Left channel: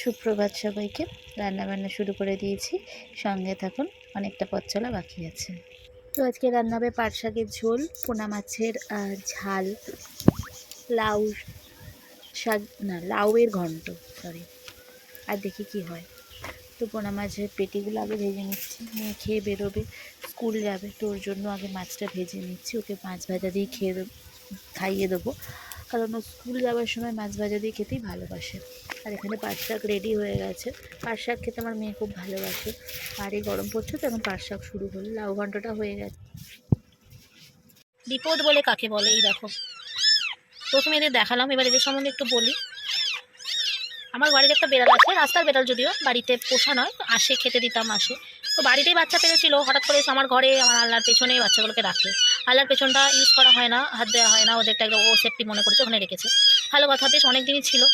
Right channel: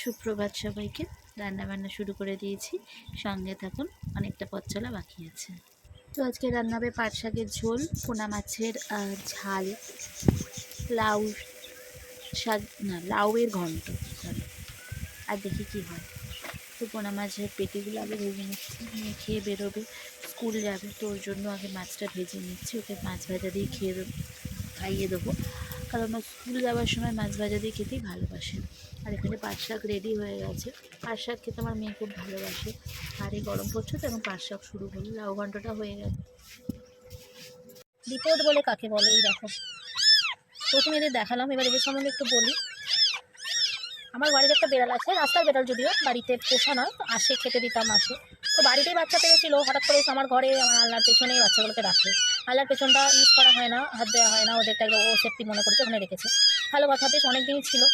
সুপ্রভাত সবাইকে। রান্নাবান্না শুরু করে দিয়েছি, সঙ্গে থাকুন, অনেকটা পথ চলা বাকি আছে। তো আজকে রান্না হবে পাট শাকের ঝোল, পোনা মাছের ঝাল, লাউ শাক না লাউয়ের ঘন্ট, সরি, আর দেখি কি হয়। তো পোনা মাছের পেটিগুলো আগে ভেজে নিচ্ছি, মেয়ে খেয়ে বেরোবে, স্কুল যাবে, তো ওর জন্য আগে মাছটা ভেজে নিচ্ছি। ওকে মাছ ভাজা দিয়ে খাইয়ে দেবো, কারণ ও স্কুল যাওয়ার সময় মাছ ভাজা দিয়ে খেতেই ভালোবাসে। আর এখানে পাট শাক রেডি হয়ে গেছে। পাট শাক খেতে আমার মেয়ে খুব ভালোবাসে, আর এই গরম পড়ছে তো এখন পাট শাক শুরু হলো। লাউ ঘন্টটা হয়ে গেছে। বিপদ বলে কাকে বলে, এই দেখো, প্রথমে এদের দেখালাম, এবার এদের সম্বন্ধে একটু বলি। আমার বাড়িতে একটা বেড়াল আছে, রাস্তার বেড়াল, যদিও বাড়িতে পোষা নয়, তো আসে, খেতে দিতাম, আসে। তো বাড়িতেই বাচ্চা পেরেছিল, হঠাৎ করে আমার ঘরে, আমার আল্লাহর পেছনে বাচ্চাগুলোকে রাখে। আল্লাহর পেছনটা ইউজ করা হয় না, হাত দেওয়া হয় না, ওদেরটা একদম ও সেফটি মনে করেছে, ওখানে রেখেছে। ভালো কথা, বেশ অনেক দিনই ছিল,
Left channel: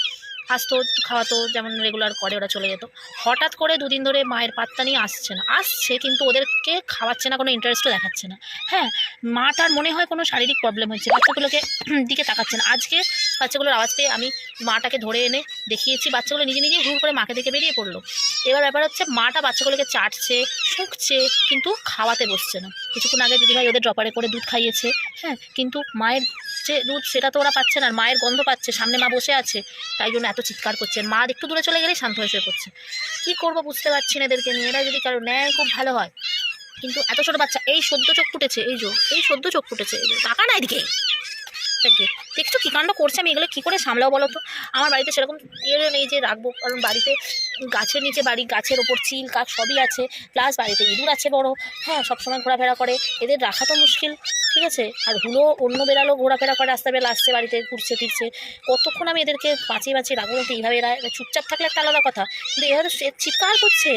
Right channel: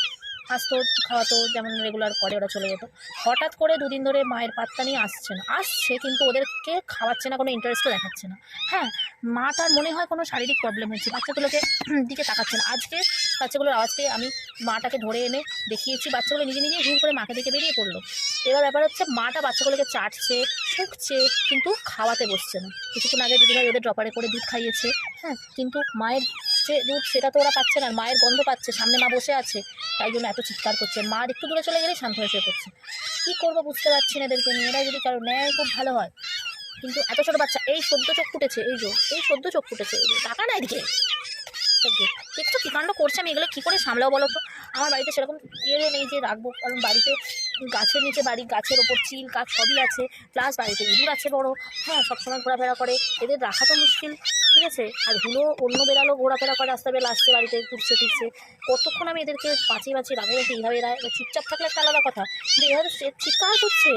আসতো, খাওয়াতো, যেমন রেগুলার করে, ওরা চলে যেত। হঠাৎ করে দুদিন ধরে মায়ের পাত্তা নিয়ে আসছে, কিন্তু ওদেরকে খাওয়াচ্ছে না, কোনো ইন্টারেস্টও দেখাচ্ছে না। হ্যাঁ, মাটার মনে হয় কোনো শারীরিক প্রবলেম হচ্ছে, বাচ্চাগুলোকে দিকে তাকাচ্ছে না। আজকে বাচ্চাগুলোর আওয়াজ পেয়ে আমি মাটাকে ধরে এনে দেখিয়েছি, বাচ্চাগুলো নিজে নিজেই হুড় করে মাকে দেখে বেরিয়ে পড়লো। এবার ব্যাপার হচ্ছে, মাটা বাচ্চাগুলোকে চাটছে, শুকছে, কিন্তু খাওয়াতে বসছে না। কিছুক্ষণ আগে দিদিভাই ওদের ড্রপারে করে দুধ খাইয়েছে, হ্যাঁ, কিন্তু মায়ের যে দুধ সেটা তো ওরা পাচ্ছে না, মায়ের গন্ধ পাচ্ছে, সামনে মা বসে আছে, তাই জন্য এত চিৎকার করছে। মা একটু দূরে চলে গেলেই শান্ত হয়ে শুয়ে পড়ছে। কী করবো বুঝতে পারছি না এদেরকে নিয়ে। এরা যদি কারো নেয় খুব ভালো হয়, কিন্তু এত ছোটো বাচ্চা, এই সদ্য চোখ ফুটেছে, এই সদ্য চোখ ফুটেছে, টাকা না এদিকে দেখছো কী কাণ্ড করছে। আমি এগুলো কী করে সামলাও বলো তো। আমার বাড়িতে সেরকম ইয়ে নেই যে রাখবো, কারণ বাড়িতে গাছের নিচে বাড়ি, গাছের ওপর চিল কাক সবই আছে, প্লাস বাড়িতে ইঁদুর আছে বড়, হ্যাঁ, সবসময় ঘোরাফেরা করে, এদের রাখা তো মুশকিল, ঠিক আছে। আর হুলো অন্য বেড়ালও ঘোরাফেরা করে, রাস্তা বেলা আসছে, বাড়িতে ঘুরছে ফিরছে, কতক্ষণ আমি এদেরকে বাঁচিয়ে রাখবো। এইভাবে এরা চুপচাপ থাকলে একটা আলাদা কথা, কিন্তু এরা তো চিৎকার করছে।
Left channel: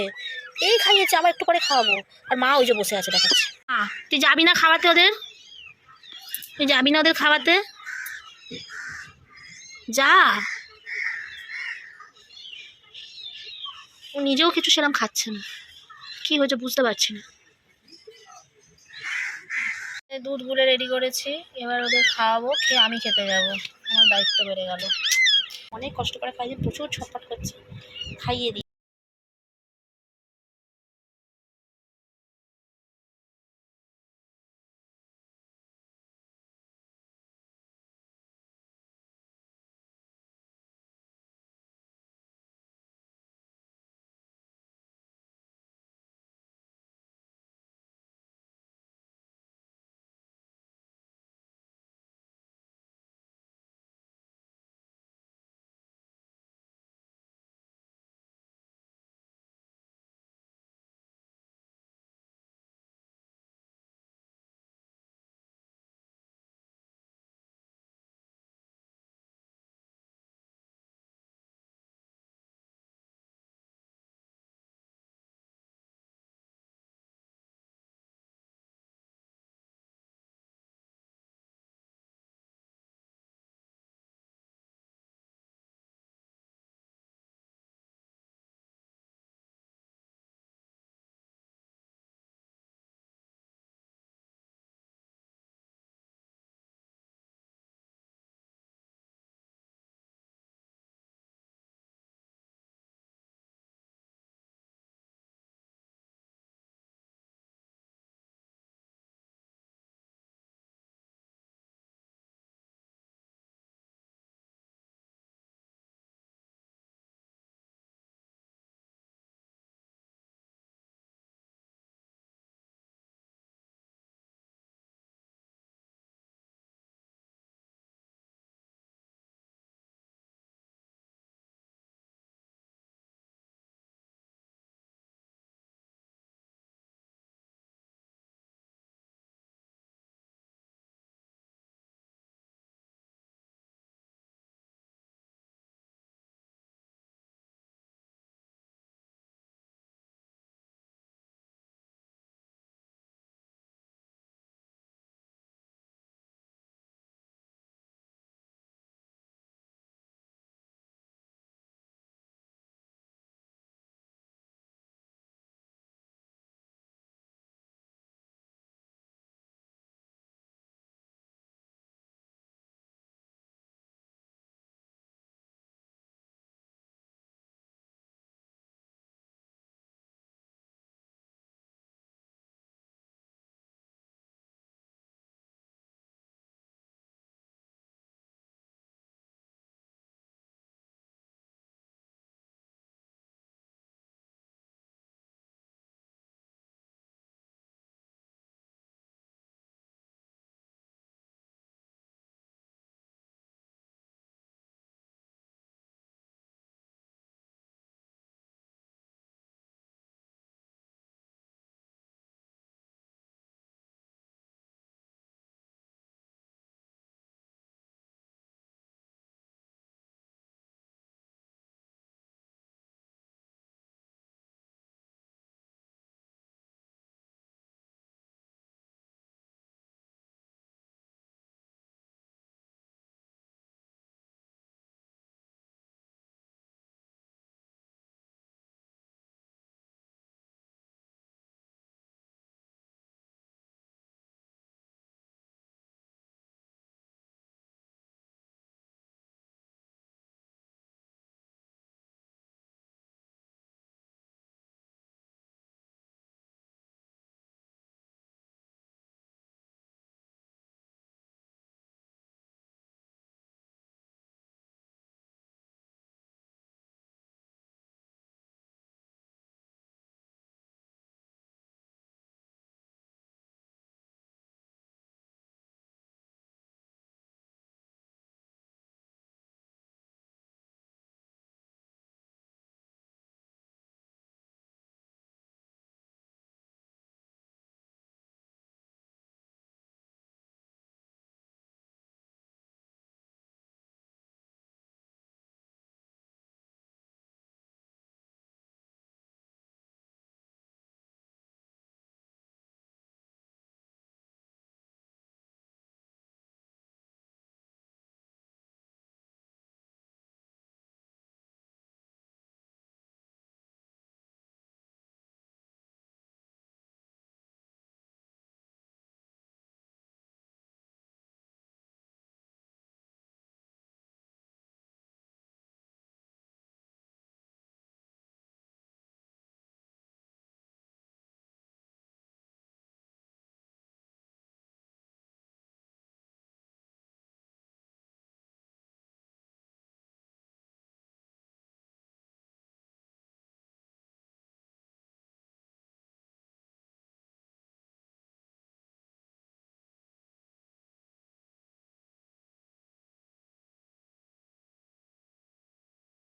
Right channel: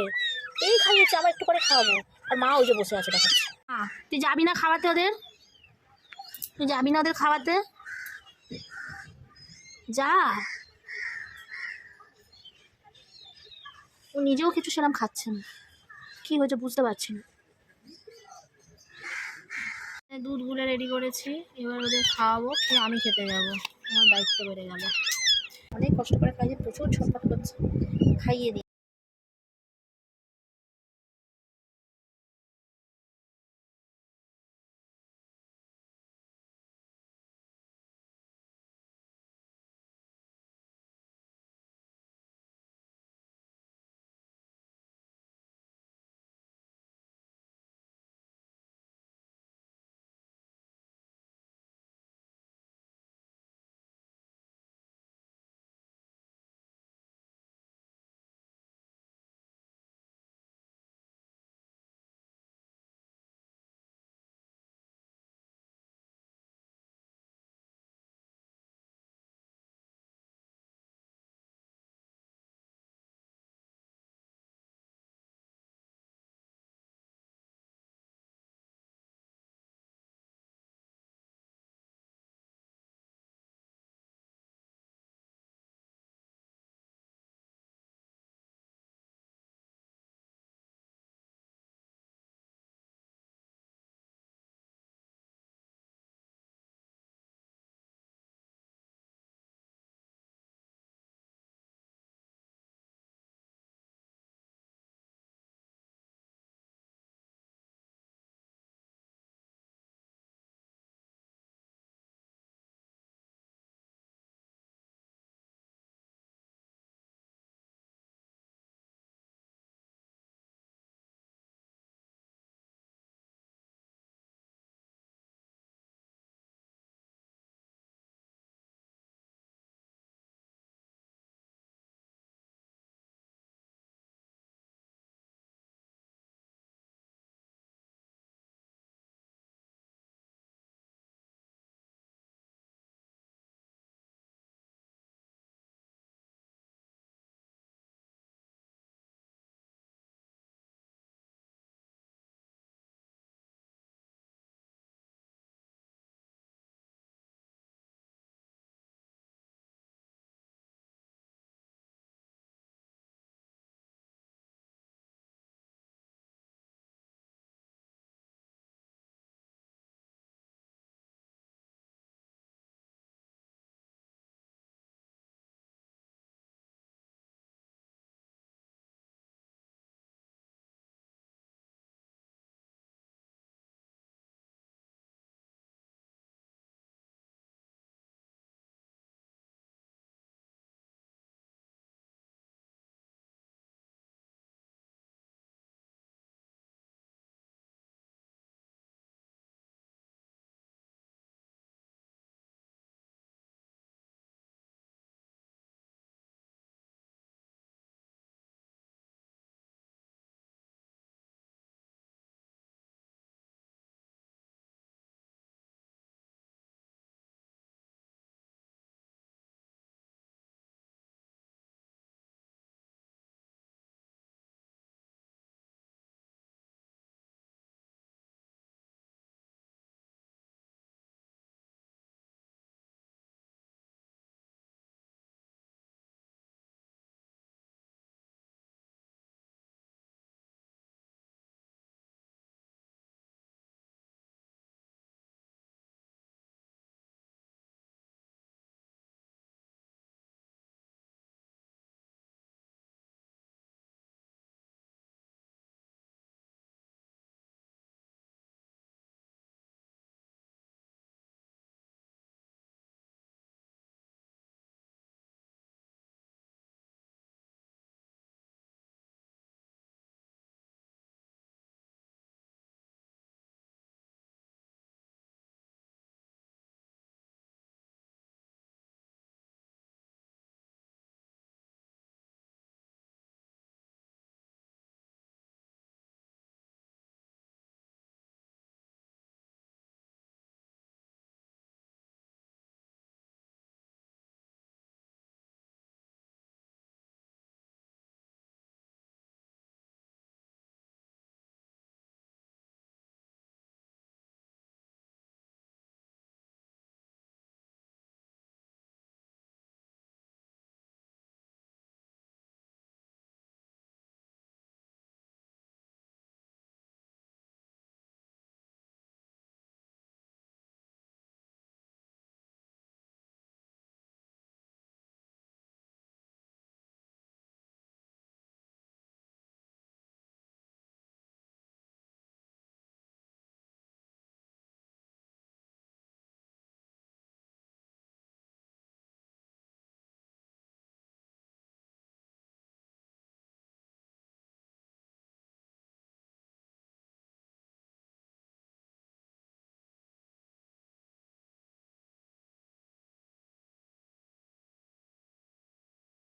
এই খাইয়েছে, আবার একটু করে খাওয়াবো, আর মা ওই যে বসে আছে দেখাচ্ছে। তুই যাবি না খাওয়াতে ওদের? তুই যাবি না ওদের খাওয়াতে? যা। ও নিজেও কিছু সেরকম খাচ্ছে না, কি হয়েছে বুঝতে পারছি না। দুধ গুলে রেডি করেছি, এবার ওদের খাওয়াবো, খেয়ে আমি খেতে যাব, আমার দায়িত্ব বেড়ে গেল। অনেক কষ্ট করে খাইয়ে, প্রচুর ছটফট করছে, খাইয়ে দিই।